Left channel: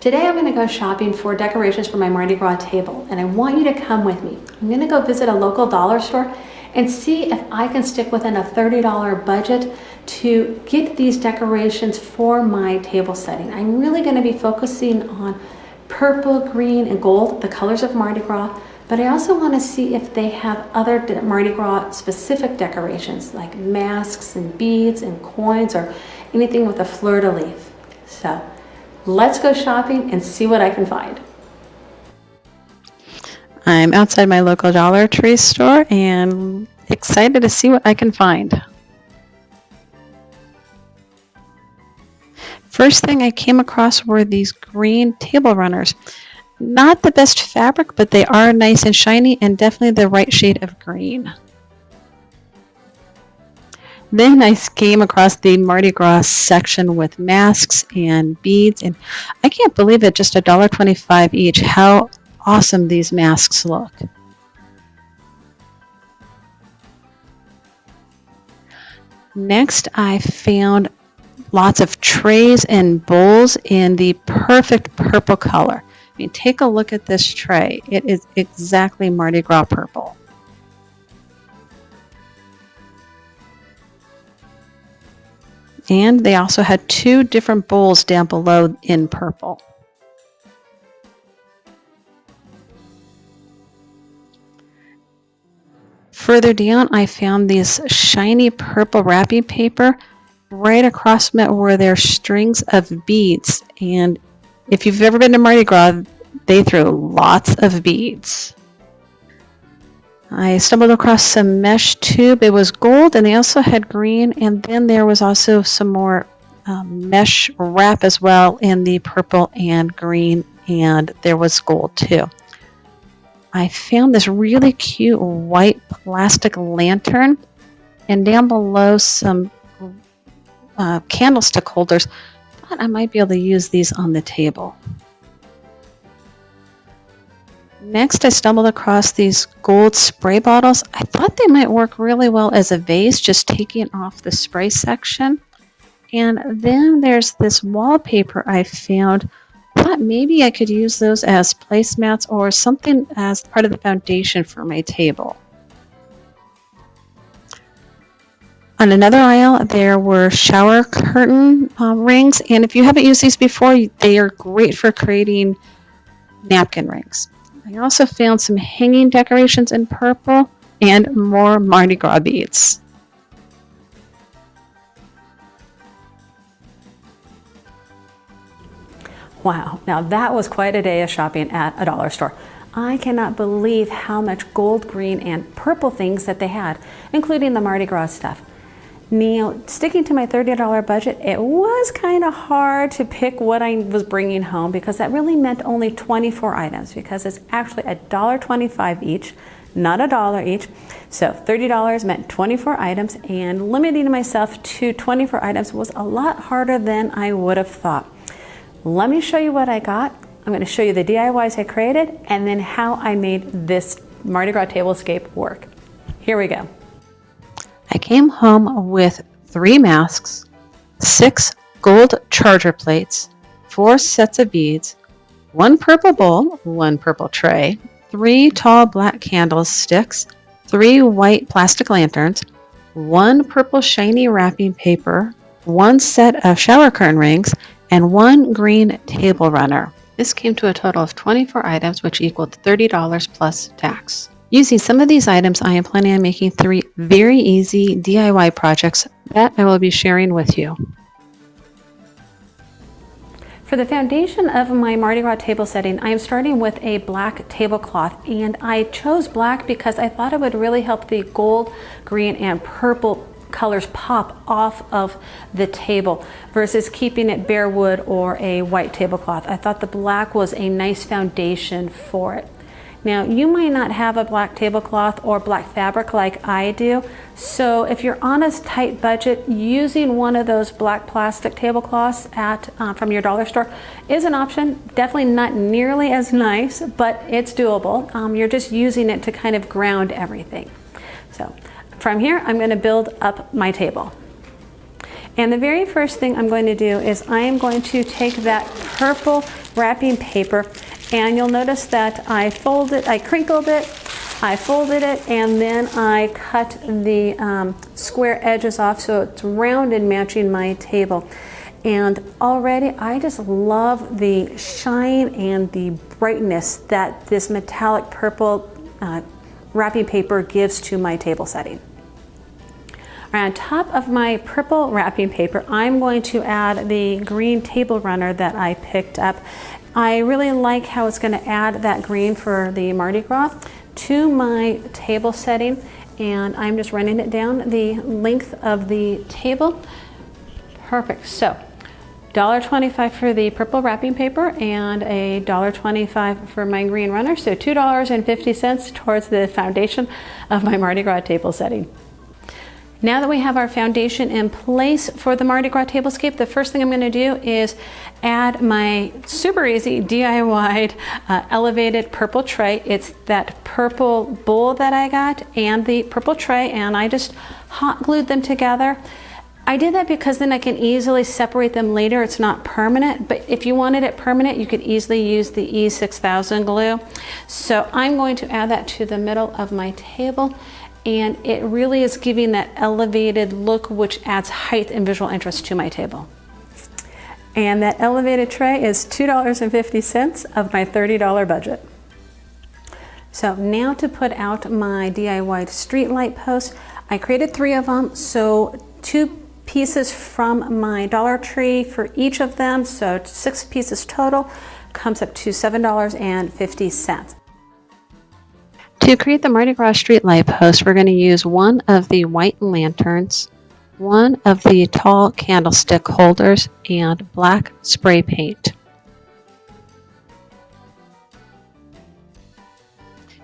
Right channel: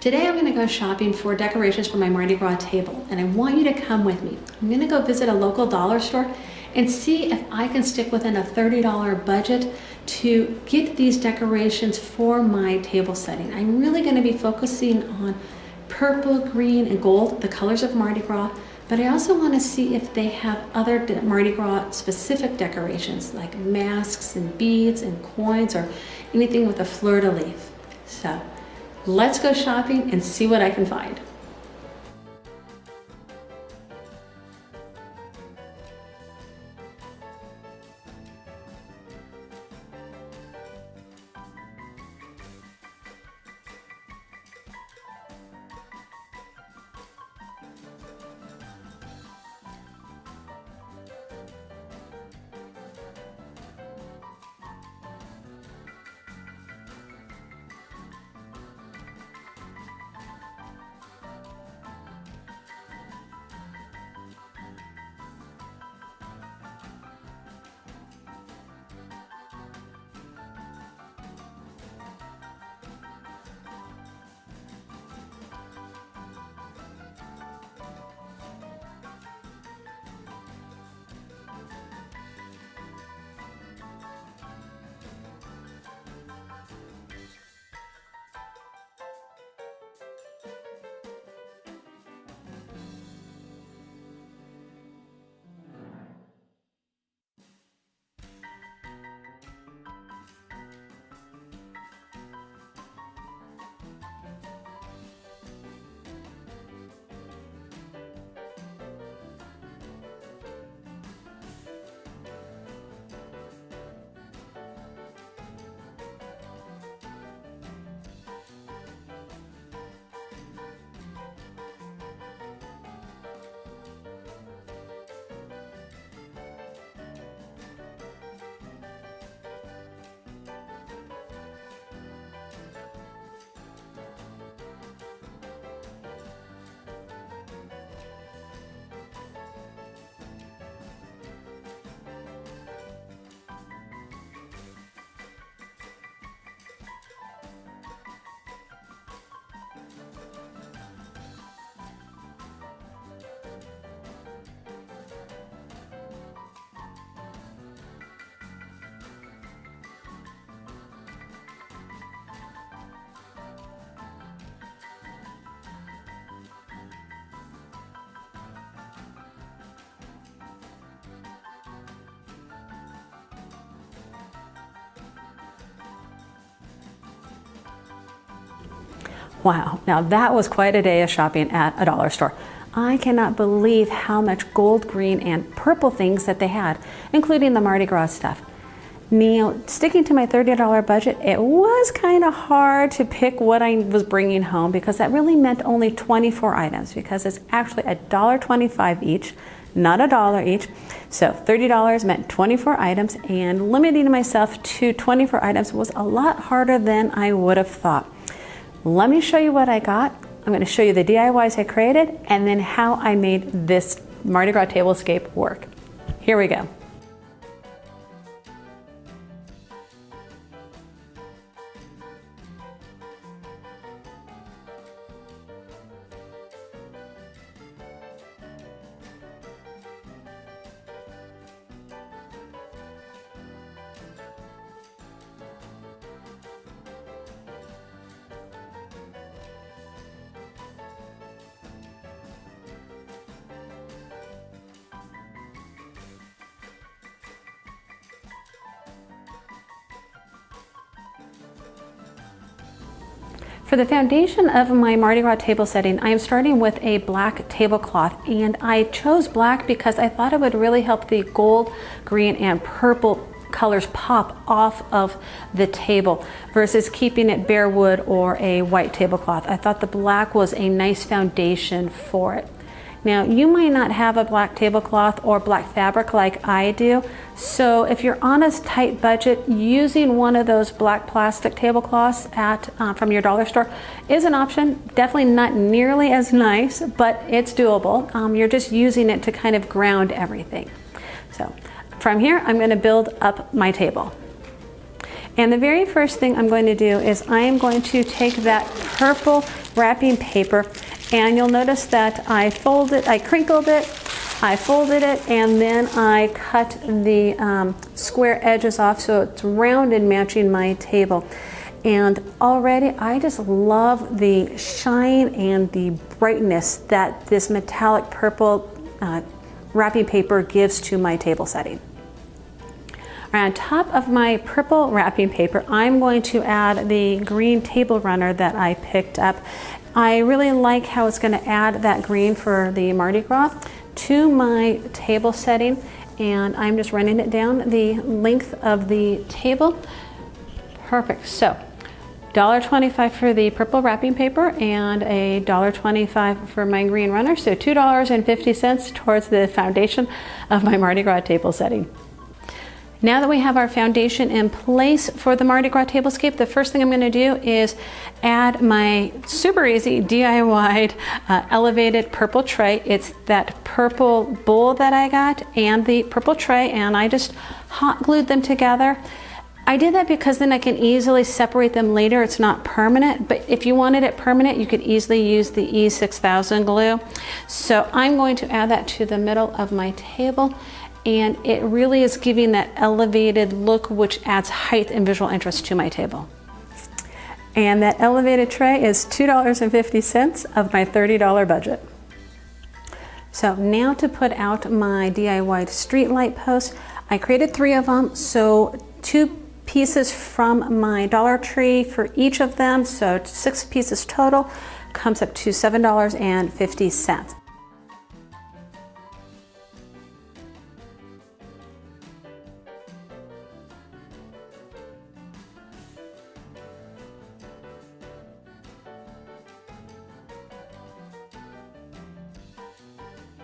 Today I'm going to go shopping for decorations for my Mardi Gras table, and I want you to come with me. I'm going to go visit a local dollar store and see if I can stick within a $30 budget to get these decorations for my table setting. I'm really going to be focusing on purple, green, and gold, the colors of Mardi Gras, but I also want to see if they have other Mardi Gras specific decorations like masks and beads and coins or anything with a fleur-de-lis. So let's go shopping and see what I can find. I'm outside my local Dollar Tree store and excited to see what I can find. First thing I came across were these green table runners. Not the best fabric, but they are nice and shiny and definitely the right shade of green. Then I came across the Mardi Gras section with masks and beads, and I can't believe it, just $1.25 each. How awesome these masks look. Next, I found lots of trays and bowls in the perfect purple color. I mean, take a look at this tray. It is exactly Mardi Gras purple. And they also had two different bowls down below in purple. Further down, I found this shiny purple wrapping paper. Right across from it were their strings of beads. And if you've ever been to Mardi Gras, they threw lots of beads. I stumbled across some mesh tube. It was gold, and they also had green, and then there was also some more mesh wrap as well in the purple and green, and there was gold too. I found this really cute white plastic lantern, and down below some candlestick holders. Thought I might be able to use these on the table. Next, I stumbled across these gold spray bottles. I thought they might work really well as a vase, just taking off the spray section. And then there's this wallpaper I found. Thought maybe I could use those as placemats or something as part of the foundation for my table. On another aisle, there were shower curtain rings, and if you haven't used these before, they are great for creating napkin rings. I also found some hanging decorations in purple and more Mardi Gras beads. Wow, now that was quite a day of shopping at a dollar store. I cannot believe how much gold, green, and purple things that they had, including the Mardi Gras stuff. Now, sticking to my $30 budget, it was kind of hard to pick what I was bringing home because that really meant only 24 items because it's actually $1.25 each, not $1 each. So $30 meant 24 items, and limiting myself to 24 items was a lot harder than I would have thought. Let me show you what I got. I'm going to show you the DIYs I created and then how I made this Mardi Gras Tablescape work. Here we go. I came home with 3 masks, 6 gold charger plates, 4 sets of beads, 1 purple bowl, 1 purple tray, 3 tall black candlesticks, 3 white plastic lanterns, 1 purple shiny wrapping paper, 1 set of shower curtain rings, and 1 green table runner. This came to a total of 24 items, which equaled $30 plus tax. Using some of these items, I am planning on making 3 very easy DIY projects that I will be sharing with you. For the foundation of my Mardi Gras table setting, I am starting with a black tablecloth, and I chose black because I thought it would really help the gold, green, and purple colors pop off of the table versus keeping it bare wood or a white tablecloth. I thought the black was a nice foundation for it. Now, you might not have a black tablecloth or black fabric like I do, so if you're on a tight budget, using one of those black plastic tablecloths from your dollar store is an option. Definitely not nearly as nice, but it's doable. You're just using it to kind of ground everything. So from here, I'm going to build up my table. And the very first thing I'm going to do is I am going to take that purple wrapping paper, and you'll notice that I crinkled it, I folded it, and then I cut the square edges off so it's round and matching my table. And already I just love the shine and the brightness that this metallic purple wrapping paper gives to my table setting. On top of my purple wrapping paper, I'm going to add the green table runner that I picked up. I really like how it's going to add that green for the Mardi Gras to my table setting, and I'm just running it down the length of the table. Perfect. So $1.25 for the purple wrapping paper and $1.25 for my green runner, so $2.50 towards the foundation of my Mardi Gras table setting. Now that we have our foundation in place for the Mardi Gras Tablescape, the first thing I'm going to do is add my super easy DIY elevated purple tray. It's that purple bowl that I got and the purple tray, and I just hot glued them together. I did that because then I can easily separate them later. It's not permanent, but if you wanted it permanent, you could easily use the E6000 glue. So I'm going to add that to the middle of my table, and it really is giving that elevated look, which adds height and visual interest to my table. And that elevated tray is $2.50 of my $30 budget. So now to put out my DIY street light posts, I created 3 of them, so 2 pieces from my Dollar Tree for each of them, so 6 pieces total, comes up to $7.50. To create the Mardi Gras street light post, we're going to use one of the white lanterns, one of the tall candlestick holders, and black spray paint.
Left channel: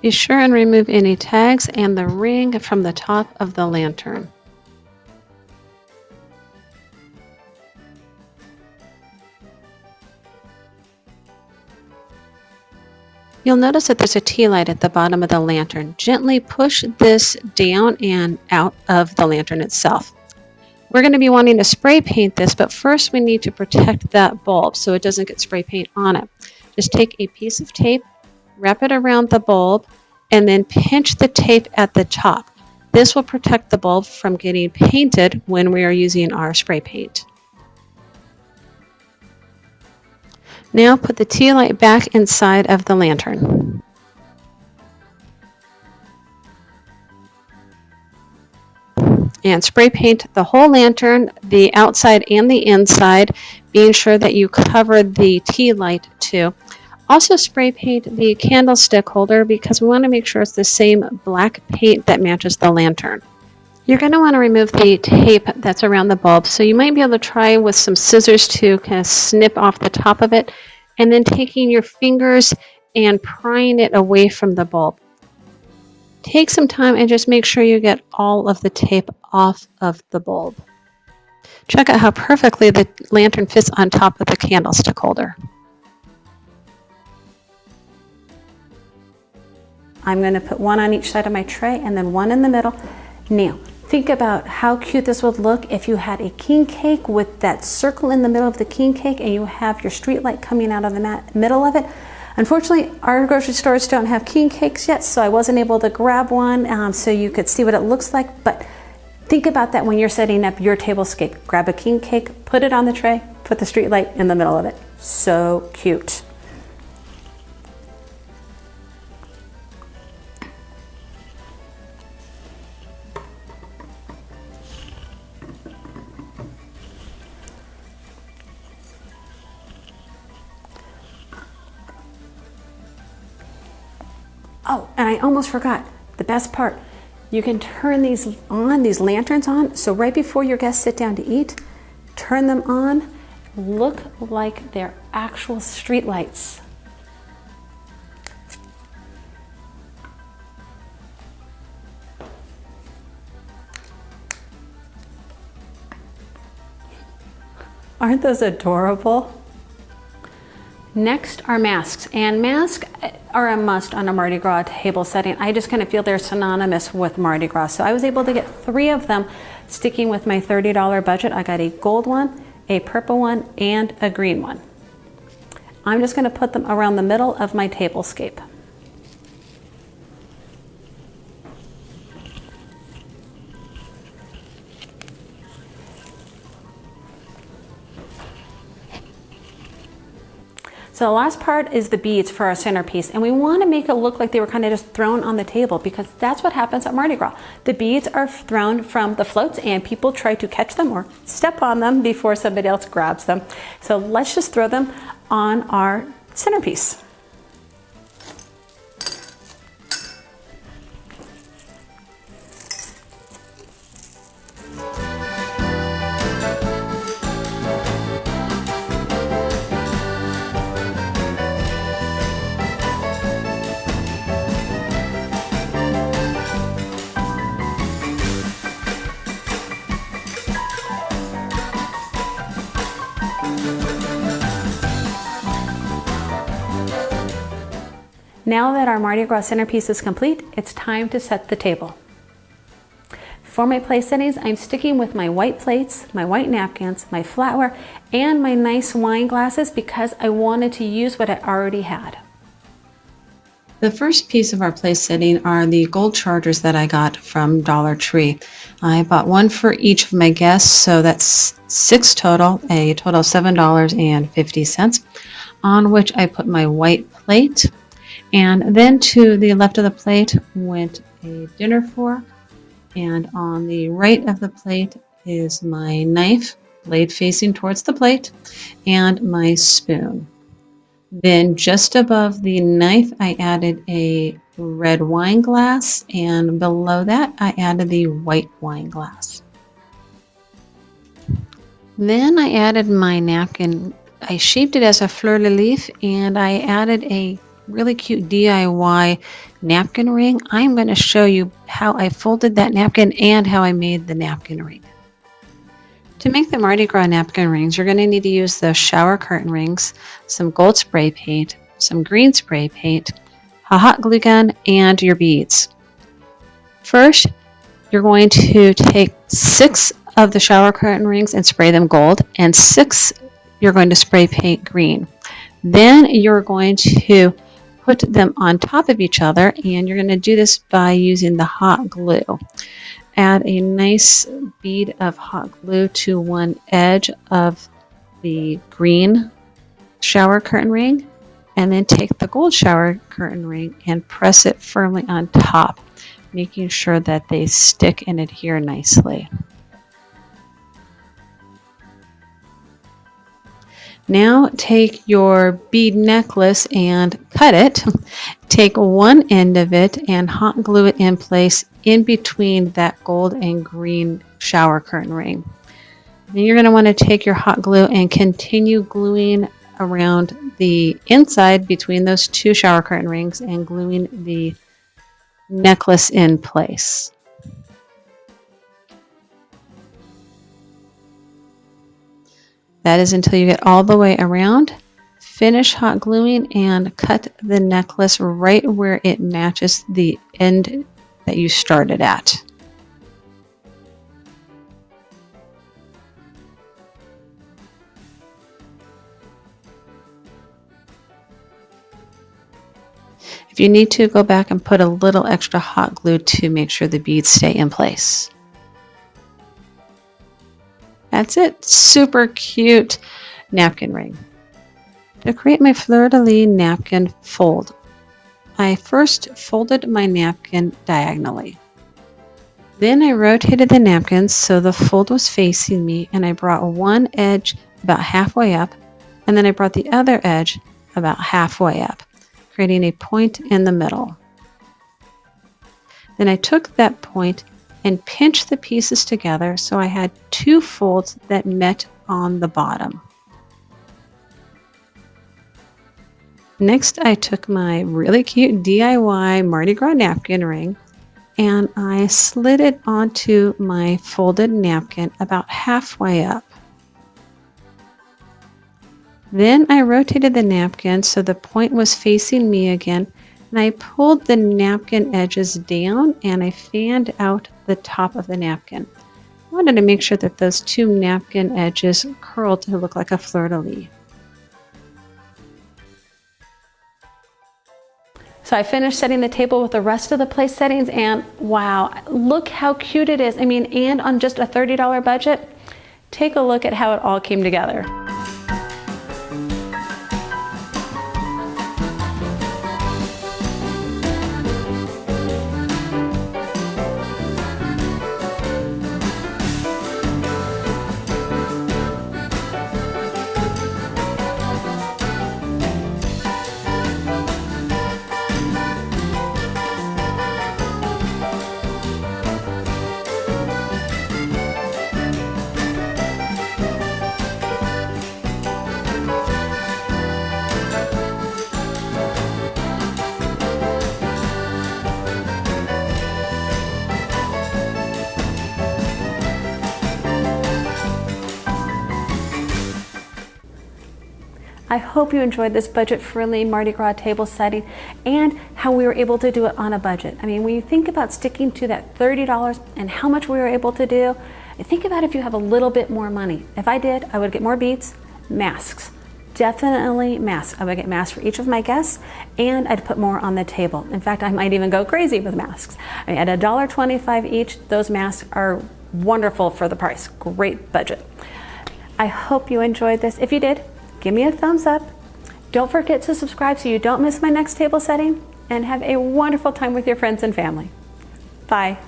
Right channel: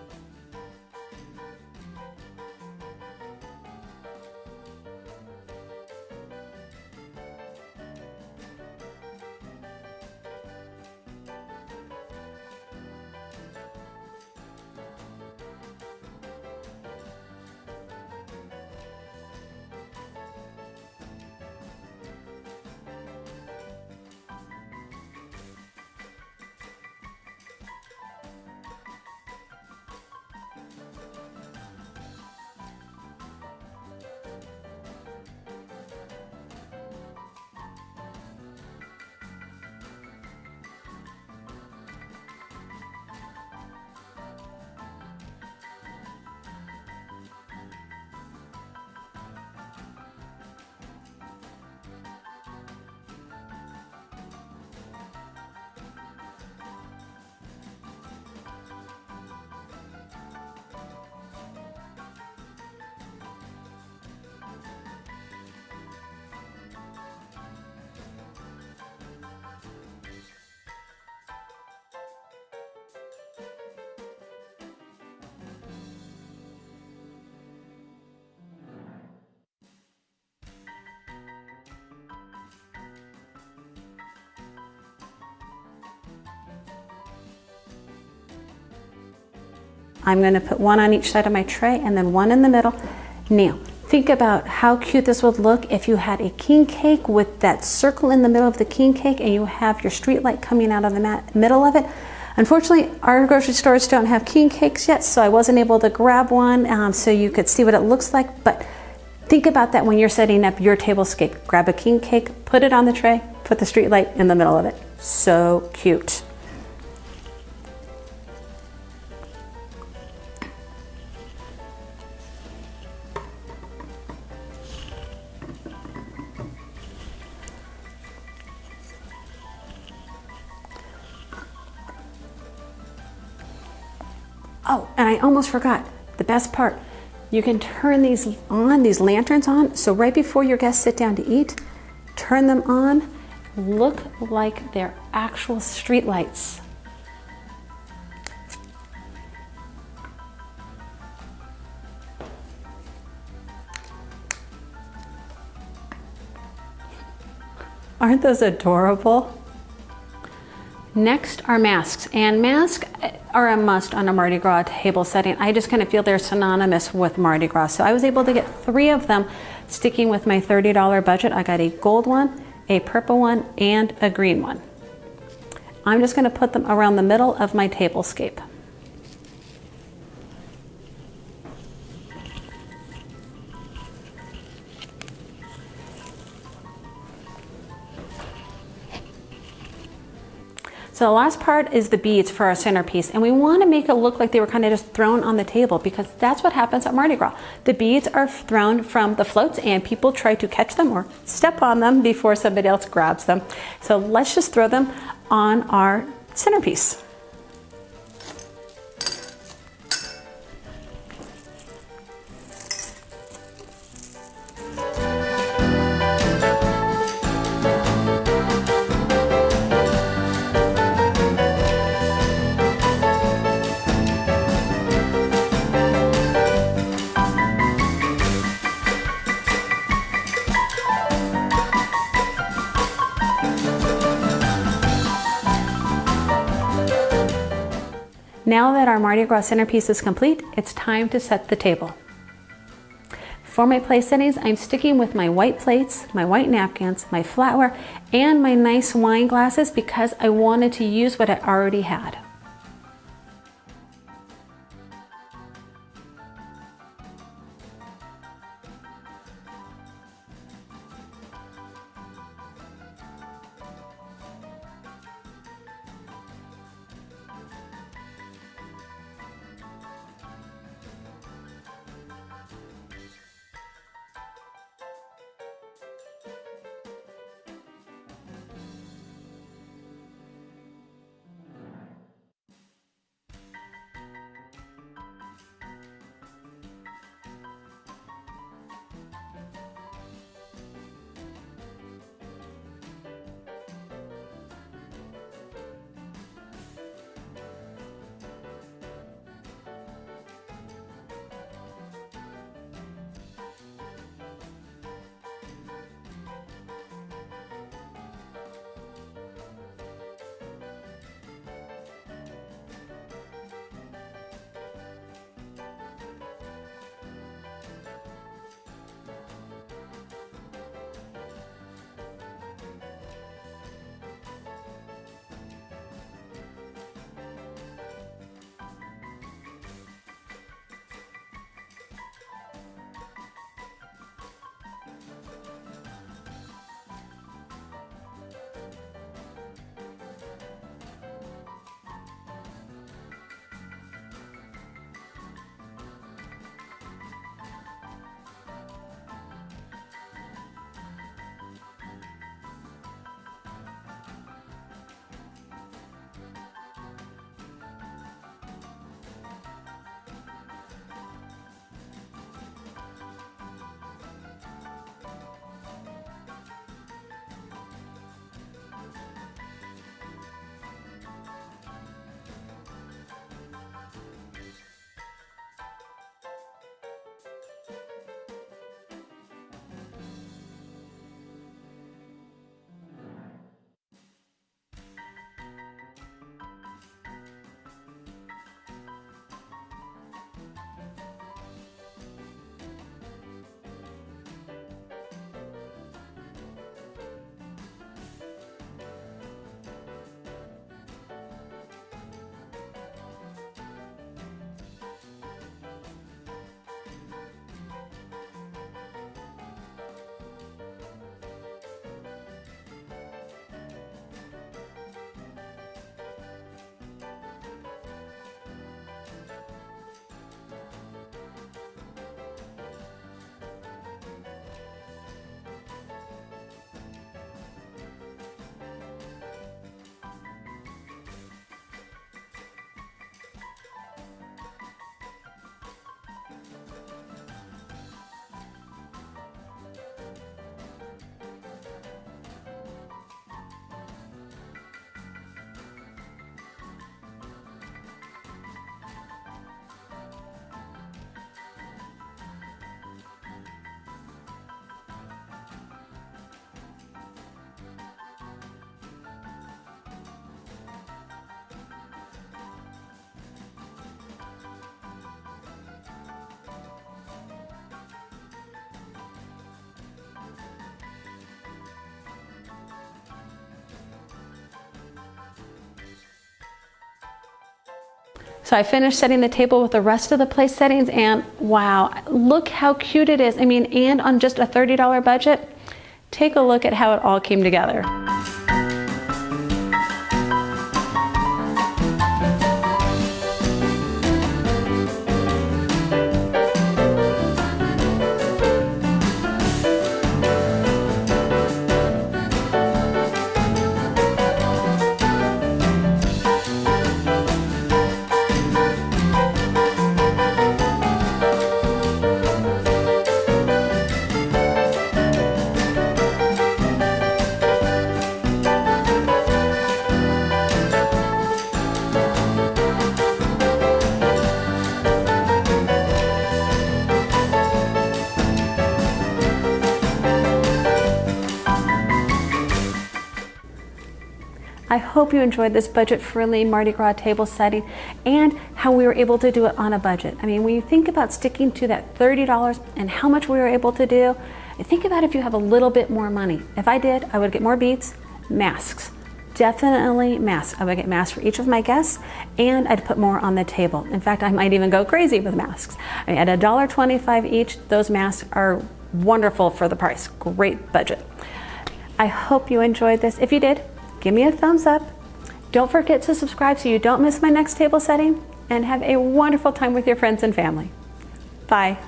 Be sure and remove any tags and the ring from the top of the lantern. You'll notice that there's a tea light at the bottom of the lantern. Gently push this down and out of the lantern itself. We're going to be wanting to spray paint this, but first we need to protect that bulb so it doesn't get spray paint on it. Just take a piece of tape, wrap it around the bulb, and then pinch the tape at the top. This will protect the bulb from getting painted when we are using our spray paint. Now put the tea light back inside of the lantern. And spray paint the whole lantern, the outside and the inside, being sure that you cover the tea light too. Also spray paint the candlestick holder because we want to make sure it's the same black paint that matches the lantern. You're going to want to remove the tape that's around the bulb, so you might be able to try with some scissors to kind of snip off the top of it, and then taking your fingers and prying it away from the bulb. Take some time and just make sure you get all of the tape off of the bulb. Check out how perfectly the lantern fits on top of the candlestick holder. I'm going to put one on each side of my tray and then one in the middle. Now, think about how cute this would look if you had a king cake with that circle in the middle of the king cake and you have your street light coming out of the middle of it. Unfortunately, our grocery stores don't have king cakes yet, so I wasn't able to grab one so you could see what it looks like. But think about that when you're setting up your tablescape. Grab a king cake, put it on the tray, put the street light in the middle of it. So cute. Oh, and I almost forgot the best part. You can turn these lanterns on, so right before your guests sit down to eat, turn them on, look like they're actual street lights. Aren't those adorable? Next are masks, and masks are a must on a Mardi Gras table setting. I just kind of feel they're synonymous with Mardi Gras. So I was able to get 3 of them Sticking with my $30 budget, I got a gold one, a purple one, and a green one. I'm just going to put them around the middle of my tablescape. So the last part is the beads for our centerpiece, and we want to make it look like they were kind of just thrown on the table, because that's what happens at Mardi Gras. The beads are thrown from the floats and people try to catch them or step on them before somebody else grabs them. So let's just throw them on our centerpiece. Now that our Mardi Gras centerpiece is complete, it's time to set the table. For my place settings, I'm sticking with my white plates, my white napkins, my flatware, and my nice wine glasses because I wanted to use what I already had. The first piece of our place setting are the gold chargers that I got from Dollar Tree. I bought one for each of my guests, so that's 6 total, a total of $7.50, on which I put my white plate. And then to the left of the plate went a dinner fork, and on the right of the plate is my knife, blade facing towards the plate, and my spoon. Then just above the knife, I added a red wine glass, and below that, I added the white wine glass. Then I added my napkin. I shaped it as a fleur-de-lis, and I added a really cute DIY napkin ring. I'm going to show you how I folded that napkin and how I made the napkin ring. To make the Mardi Gras napkin rings, you're going to need to use the shower curtain rings, some gold spray paint, some green spray paint, a hot glue gun, and your beads. First, you're going to take 6 of the shower curtain rings and spray them gold, and 6 you're going to spray paint green. Then you're going to put them on top of each other, and you're going to do this by using the hot glue. Add a nice bead of hot glue to one edge of the green shower curtain ring, and then take the gold shower curtain ring and press it firmly on top, making sure that they stick and adhere nicely. Now take your bead necklace and cut it. Take one end of it and hot glue it in place in between that gold and green shower curtain ring. Then you're going to want to take your hot glue and continue gluing around the inside between those 2 shower curtain rings and gluing the necklace in place. That is until you get all the way around. Finish hot gluing and cut the necklace right where it matches the end that you started at. If you need to, go back and put a little extra hot glue to make sure the beads stay in place. That's it. Super cute napkin ring. To create my fleur-de-lis napkin fold, I first folded my napkin diagonally. Then I rotated the napkins so the fold was facing me, and I brought one edge about halfway up, and then I brought the other edge about halfway up, creating a point in the middle. Then I took that point and pinched the pieces together so I had 2 folds that met on the bottom. Next, I took my really cute DIY Mardi Gras napkin ring and I slid it onto my folded napkin about halfway up. Then I rotated the napkin so the point was facing me again, and I pulled the napkin edges down and I fanned out the top of the napkin. I wanted to make sure that those 2 napkin edges curled to look like a fleur-de-lis. So I finished setting the table with the rest of the place settings, and wow, look how cute it is. I mean, and on just a $30 budget, take a look at how it all came together. I hope you enjoyed this budget-friendly Mardi Gras table setting and how we were able to do it on a budget. I mean, when you think about sticking to that $30 and how much we were able to do, think about if you have a little bit more money. If I did, I would get more beads, masks. Definitely masks. I would get masks for each of my guests, and I'd put more on the table. In fact, I might even go crazy with masks. I mean, at $1.25 each, those masks are wonderful for the price. Great budget. I hope you enjoyed this. If you did, give me a thumbs up. Don't forget to subscribe so you don't miss my next table setting, and have a wonderful time with your friends and family. Bye.